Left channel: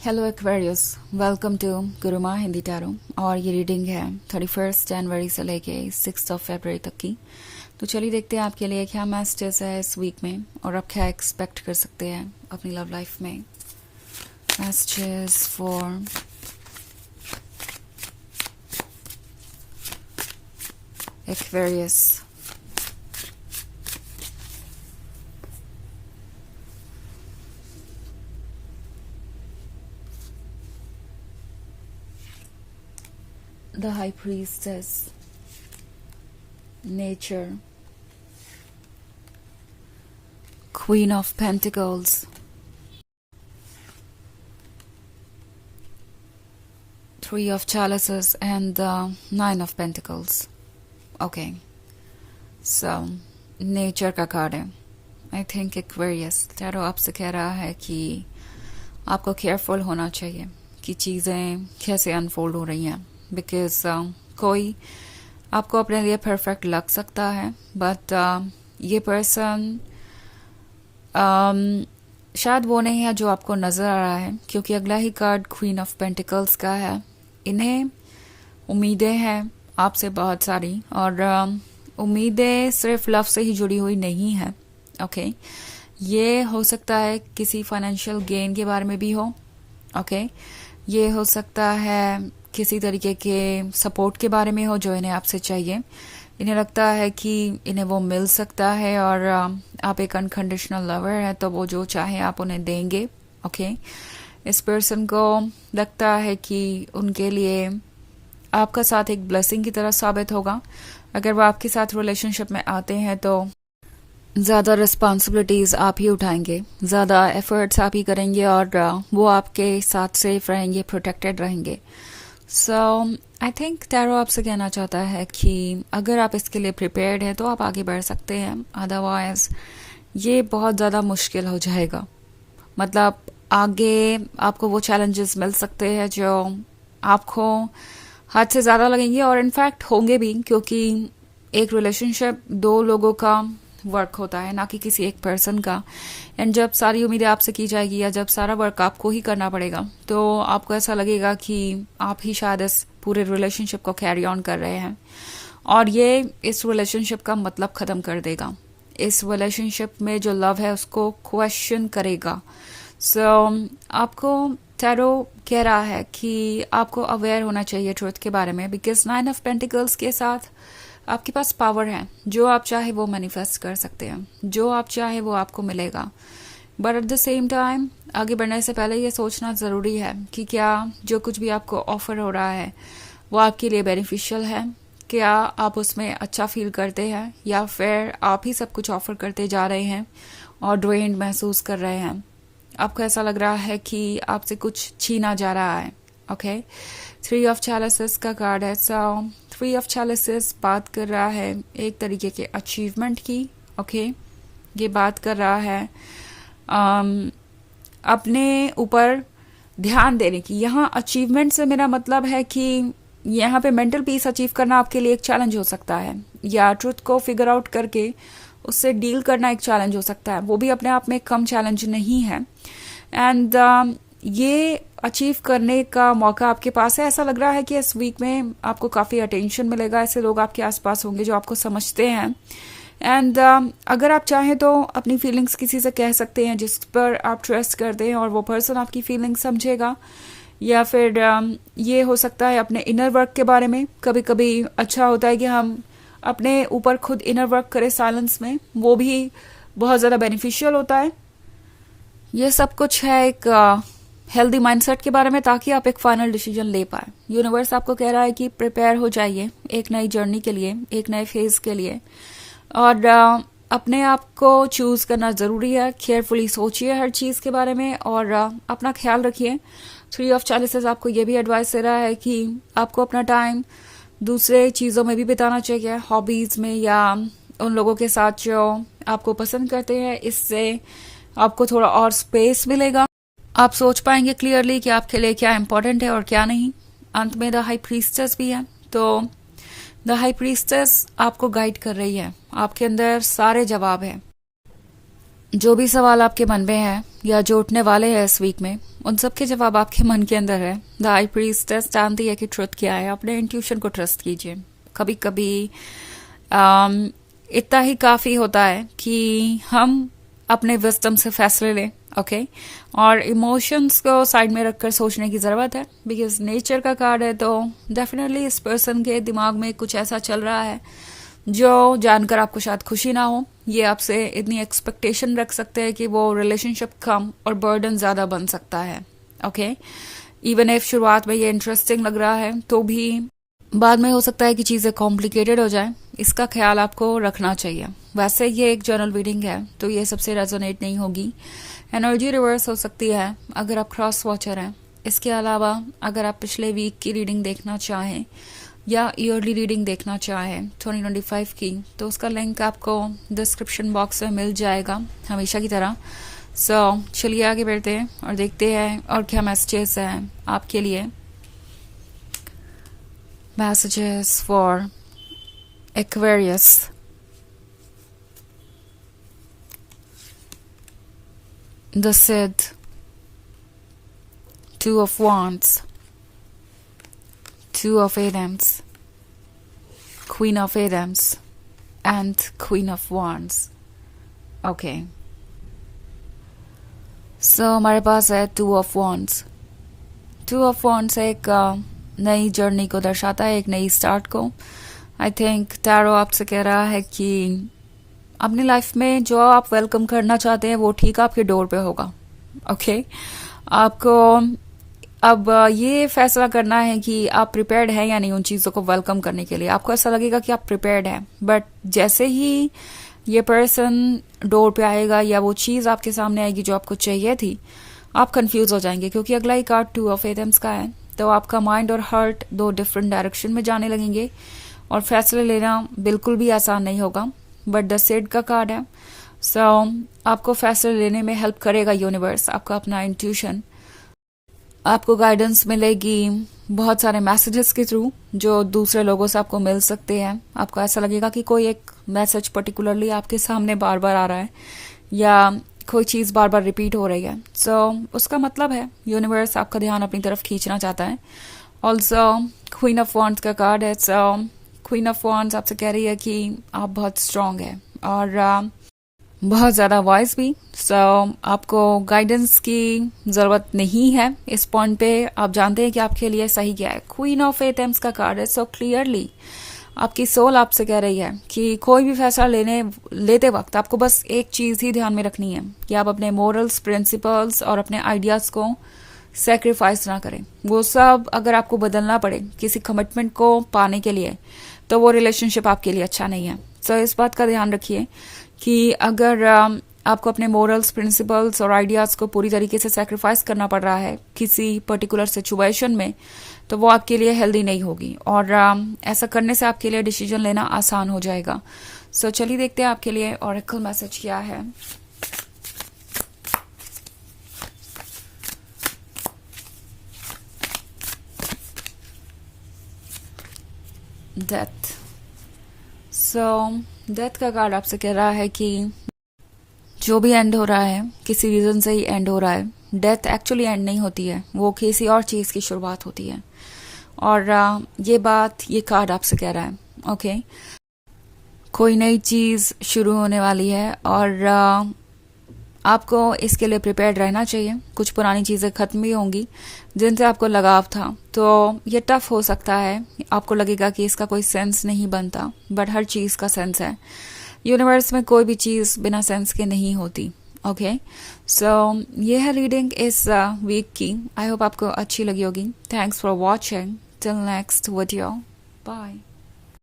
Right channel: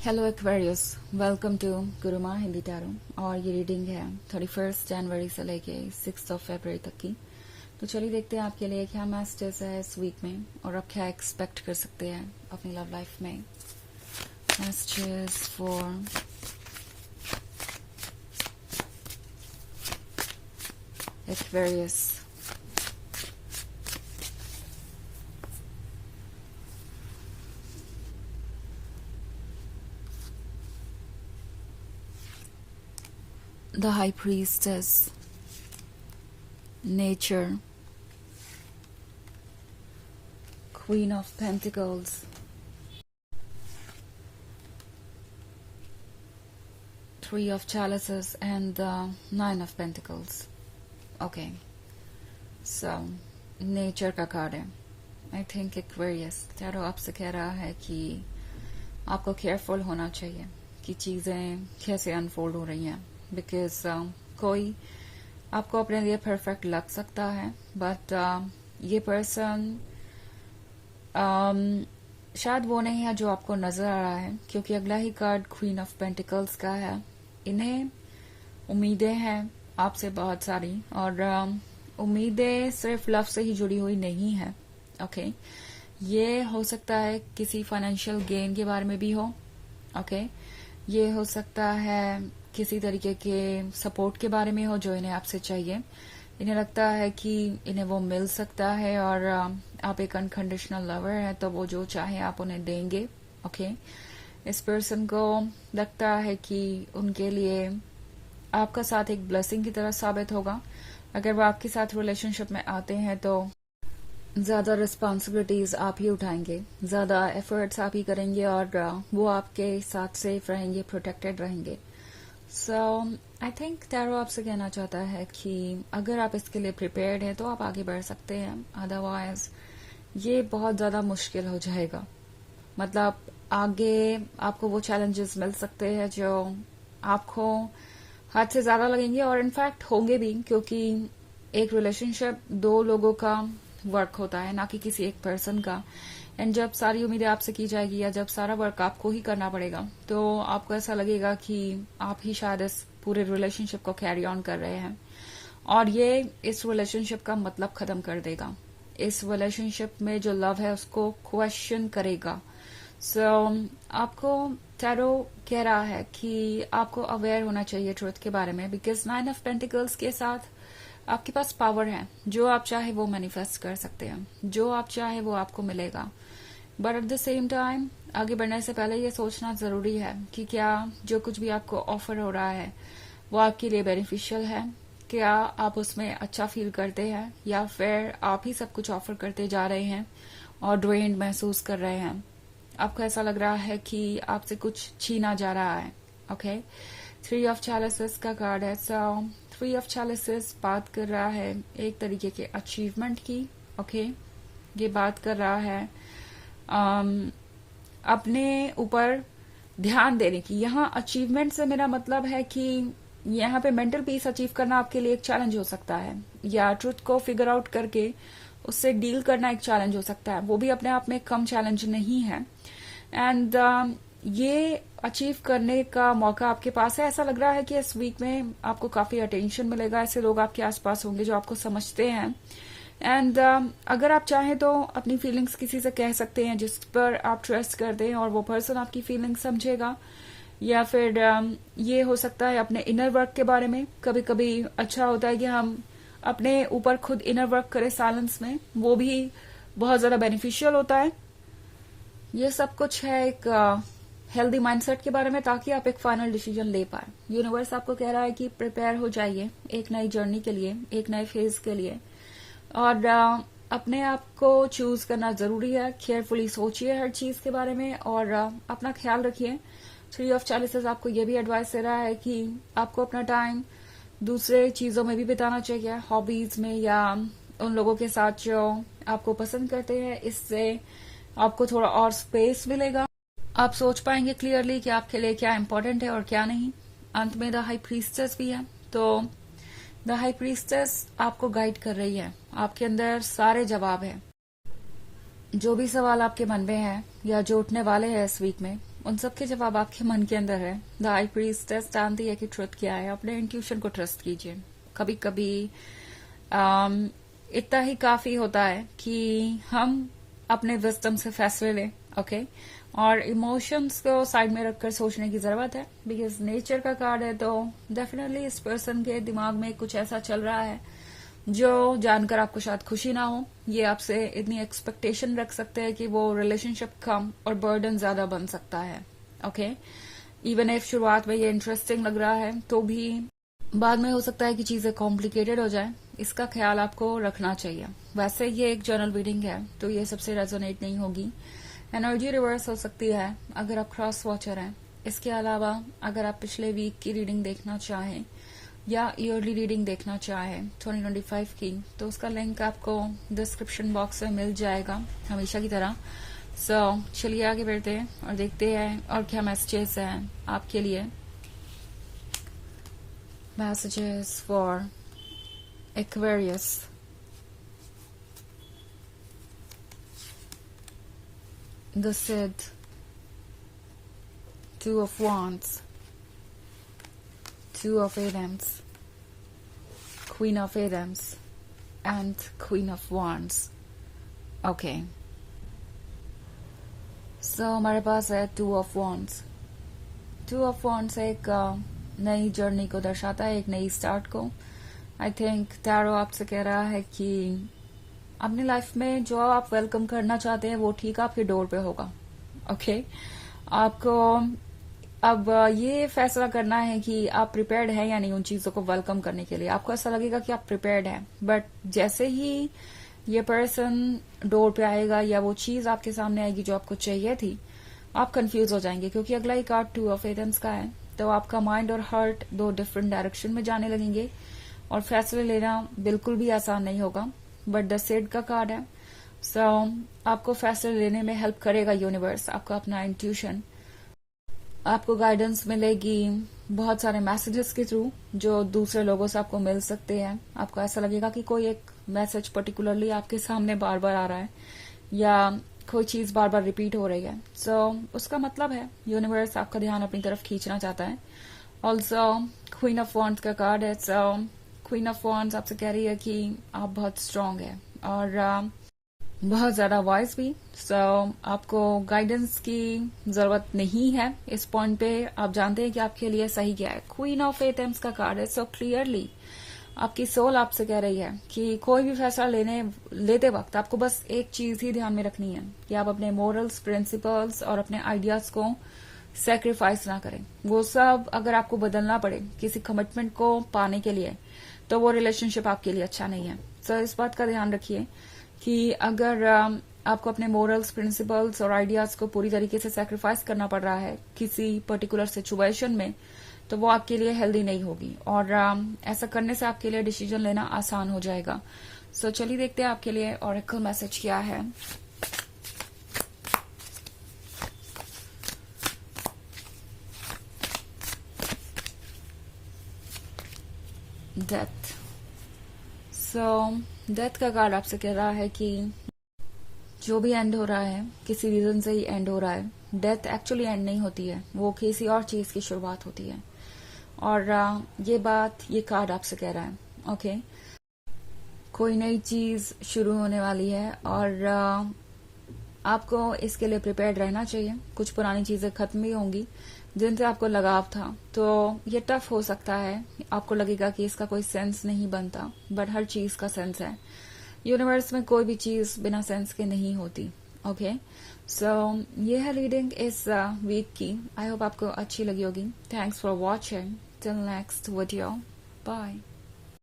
Hello Aquarius, welcome to Gurumaa Hindi tarot. और ये reading है 31 जनवरी से लेके 6 फरवरी तक की। तो चलिए देखते हैं आपके लिए क्या मैसेजेस है इस वीक में और आप क्या एक्सपेक्ट कर सकते हैं अपनी लव लाइफ में। Messages for Aquarius. The High Priestess, Nature, Queen of Pentacles, Three of Chalices, and the Nine of Pentacles. Okay, so Nature का कार्ड है। I think Aquarius टैरो आपसे कह रहा है कि आपको केयरफुल होना चाहिए कि चीज़ें कैसे अनफोल्ड हो रही हैं, बिकॉज कोई आपको अपने लिए परफेक्ट लग सकता है, बट ये पर्सन शायद वो नहीं है जो आपको नज़र आ रहा है, क्योंकि अगला ही कार्ड क्वीन ऑफ पेंटिकल्स का है। इन्हें उम्मीदें हैं आपसे बहुत सारी, और उम्मीदें सिर्फ लव से ही जुड़ी हुई नहीं है। ओके, ये हो सकता है किसी फाइनेंशियल गेन के बारे में भी हो। ओके, ये हो सकता है किसी तरीके के सपोर्ट के बारे में हो जो इन्हें आपसे चाहिए। इन्हें लगता है कि इन्हें वो मिल सकता है, और आप एक अनकंडीशनल लवर है तो वो जो चाहे आप उन्हें देंगे। ओके, इस पर्सन को लगता है कि उनके लिए आपका साथ एक ब्लेसिंग की तरह साबित होगा। अगर वो आपके साथ रिलेशनशिप में आते हैं तो ज़्यादा रिस्पॉन्सिबिलिटीज़ आप ही उठाएंगे, ज़्यादा एफर्ट्स आप ही करेंगे, और वो आपके साथ सेफ रहेंगे, प्रोटेक्टेड रहेंगे। सो आई थिंक टैरो आपसे कहना चाहता है कि अगर आप इसके लिए प्रिपेयर्ड हैं तो आप आगे बढ़ सकते हैं, अदरवाइज ये बहुत ज़्यादा मुश्किल हो जाएगा। मतलब आगे आपको वो चैलेंजेस मिल सकते हैं जो आपको हद से ज़्यादा लगेंगे, और इनफैक्ट होंगे भी, क्योंकि एक रिलेशनशिप दो लोगों का वर्क होता है, ना कि किसी एक पर्सन का। एंड जब सारी उम्मीदें आपसे की जाएगी या जब सारा वर्क आपको ही करना पड़ेगा, तो आपको ऐसा लगेगा कि आप ही शायद इस पूरे रिलेशनशिप को कैरी ऑन कर रहे हैं, और ये इस रिलेशनशिप का मतलब ख़त्म कर देगा। इस रिलेशनशिप में जो लव है उसको क्वेश्चन करेगा। सो आपको टैरो कह रहा है कि आपको अवेयर होना चाहिए ट्रुथ के बारे में, बिकॉज 9 ऑफ पेंटिकल्स के साथ आपके पास पावर है। जो आप चाहे वो मैनिफेस्ट कर सकते हैं, जो आप चाहे वो आपको मिलेगा। But at the same time आगे बढ़ने से पहले ये सोचना ज़रूरी है कि क्या जो कुछ भी आपको ऑफर हो रहा है वो आपके लिए बेनिफिशियल है, क्या आप उसमें अच्छा फील करते हैं, या फिर आप ही सब कुछ ऑफर करते जा रहे हैं और ड्रेन्ड महसूस कर रहे हैं। आपको ऐसा लग रहा है कि आपसे कुछ छीना जा रहा है। ओके, 3 ऑफ चैलिसेस का कार्ड है। सो 3 ऑफ चैलिसेस बात कर रहा है एक तरीके के अचीवमेंट की। ओके, ये बात कर रहा है अपने ऊपर ध्यान देने की। यहाँ अचीवमेंट से मेरा मतलब है कि यहाँ पे मेंटल पीस अचीव करना आपके लिए एक चैलेंज हो सकता है, या ट्रुथ को फिगर आउट करके उससे डील करना एक चैलेंज हो सकता है। वो भी अपने आप में कम चैलेंज नहीं है। एंड ये अचीव करने का मौका आपके पास है। ऐसा लग रहा है कि इस वीक में आपको काफ़ी अटेंशन मिलेगा। ऐसे लोग आपके आसपास होंगे जो आपको समझते हैं। एंड अगर आप चाहें तो अपनी फीलिंग्स किसी से कह सकते हैं जिस पर आप ट्रस्ट करते हैं, और वो पर्सन आपकी फीलिंग्स समझेगा। या फिर ये हो सकता है अपने इनर वर्क के बारे में। कभी कभी अच्छा होता है कि हम अपने ऊपर खुद इनर वर्क करें साइलेंस में, वो भी बहुत ज़्यादा बेनिफिशियल होता है। ये सब कुछ है एक हेल्दी माइंडसेट के बारे में, ताकि आप एक फाइनल डिसीजन ले पाए। यूनिवर्स आपको कह रहा है कि प्रिपेयर हो जाइए एक नई जर्नी के लिए, एक नए फेज के लिए, और अपने आप को चूज करना जरूरी है। केयरफुली सोचिए हर चीज के बारे में, और अपना ख्याल रखिए। 3 ऑफ चैलिसेस आपको ये भी एडवाइस दे रहा है कि आपको अपना टाइम दूसरे चीजों में भी बिताना चाहिए, हॉबीज में, या उन लोगों के साथ जो आपको पसंद करते हैं। इससे आपको थोड़ा और स्पेस मिलेगा, आप सोच पाएंगे क्लियरली कि आपके लिए क्या इंपॉर्टेंट है और क्या नहीं। अंत में द हाई प्रीस्टेस भी है, तो द हाई प्रीस्टेस आपको गाइड कर रही है। आपके अंदर सारे जवाब है। जो भी सवाल आपके मन में है या जो उठने वाले हैं इस वीक में, उन सब के जवाब आपके मन के अंदर है। द हाई प्रीस्टेस जानती है कि ट्रुथ क्या है। अपने इंट्यूशन को ट्रस्ट कीजिए। कभी कभी इतना ही काफ़ी होता है कि हम अपने विजडम से फैसले लें, ओके। और इमोशंस को साइड में रखकर सोचने की ज़रूरत है, बिकॉज नेचर का कार्ड है, तो डेफिनेटली इस पर्सन के दिमाग में कुछ ऐसा चल रहा है जो जानकर आपको शायद खुशी ना हो। ये आपसे इतनी एक्सपेक्टेशन रख सकते हैं कि वो रिलेशनशिप कम और बर्डन ज़्यादा बन सकता है, ओके। इवन इफ शुरुआत में ये इंटरेस्टिंग लग रहा है, तो भी बाद में हो सकता है कि चीज़ें कॉम्प्लिकेटेड हो जाए। इसका ख्याल आपको रखना चाहिए। वैसे ये एक जर्नल रीडिंग है, तो ये सबसे रेजोनेट नहीं होगी। एनर्जी रिवर्स हो सकती है अगर आप क्रॉस वॉचर हैं। इसके अलावा अगर आप पिछले वीक की रीडिंग देखना चाहें या ईयरली रीडिंग देखना चाहें 2025 की, तो उसका लिंक आपको डिस्क्रिप्शन बॉक्स में मिल जाएगा हमेशा की तरह। सो चलिए आगे बढ़ते हैं और देखते हैं और क्या मैसेजेस हैं आपके लिए। Messages for Aquarius. The Cid, Two of Wands, Two of Adams, Queen of Adams, and Queen of Wands. Okay. So हमारे पास है Two of Wands. Two of Wands एक नई जर्नी को दर्शाता है, एक नई स्टार्ट को। आई थिंक टैरो आपसे कह रहा है कि अपनी लाइफ में जो आप वेलकम करना चाहते हैं वो ठीक आपके डोर पे होगा, ओके। आपको अब ये फैसला करना है कि आप प्रिपेयर्ड हैं या नहीं उन चीज़ों को वेलकम करने के लिए। आपको ऐसा लगेगा कि आप प्रिपेयर्ड हैं, बट जैसे ही ये पर्सन डोर पे आएगा या वो चीज़ आपके सामने आएगी जो आपको चाहिए थी, आप कंफ्यूज हो जाएंगे, क्योंकि अगला ही कार्ड टू ऑफ एथम्स का है। तो आपका माइंड और हार्ट दो डिफरेंट डायरेक्शन में जाने लगेंगे और फैसले लेना बिल्कुल भी आसान नहीं होगा। बट द सिड का कार्ड है, सो आपको फैसले लेने में हेल्प करेगा यूनिवर्स, आपका अपना इंट्यूशन। आपको गाइडेंस मिलेगी बहुत सारे मैसेजेस के थ्रू जो दूसरे लोगों से आपको मिल सकते हैं। आपको ऐसा लगेगा कि कोई एक मैसेज पर्टिकुलरली आपके सामने बार बार आ रहा है या कोई चीज़ बार बार रिपीट हो रही है। सो उसका मतलब है यूनिवर्स आपका ध्यान अपनी तरफ खींचना चाहता है। ऑल्सो क्वीन ऑफ वॉन्ड्स का कार्ड है। सो क्वीन ऑफ वॉन्ड्स आपसे कह रही है कि आप बहुत स्ट्रांग है और बहुत ज़्यादा वॉइस भी। सो आपको गाइडेंस की ज़रूरत नहीं है इस पॉइंट पे। आप जानते हैं कि आपके लिए सही क्या है। क्वीन ऑफ एथम्स का कार्ड है। सो क्लियरली आपकी सोल आपसे कह रही है कि कोई भी फैसला लेते वक्त आपको बस एक चीज़ ही ध्यान में रखनी है कि आप अपने मोरल्स, प्रिंसिपल्स और अपने आइडियाज़ को सेक्रीफाइस ना करें। वो सब अगर आपको बदलना पड़े किसी कमिटमेंट को पाने के लिए, तो वो रिलेशनशिप आपके लिए अच्छा नहीं है। सो इस बात का ध्यान रखिए कि अगर आपको अपने मोरल्स, प्रिंसिपल्स और आइडियाज़ को पूरी तरीके से सेक्रीफाइस करना पड़ रहा है किसी पर्टिकुलर सिचुएशन में, तो वो आपके लिए हेल्दी नहीं होगी और ऐसा करने से आपके लिए डिसीजन लेना आसान हो जाएगा। सो चलिए देखते हैं आपके लिए ऑरेकल मैसेज क्या है। डेथ। सो डेथ का कार्ड आपसे कह रहा है कि जो भी एंड हो रहा है किसी रीजन से ही एंड हो रहा है। डेथ एक्चुअली एंड नहीं होती है, वो किसी और चीज़ की शुरुआत होती है। और ये बात ये कार्ड आपसे कह रहा है, ओके। कोई नई चीज़ शुरू होने वाली है और आपको इसके लिए प्रिपेयर्ड रहना चाहिए। कुछ पुरानी चीज़ें ख़त्म भी होंगी जिनसे आपको लगाव था, तो ये टफ हो सकता है। आपको लगेगा कि इसका कोई सेंस नहीं बनता, बट हर चीज़ का सेंस है। यूनिवर्स में कोई भी चीज़ बिना सेंस के नहीं होती, ओके। सो ये है रीडिंग इस वीक की। आई होप आपको अच्छी लगी होगी। Thanks for watching. Till next video, bye.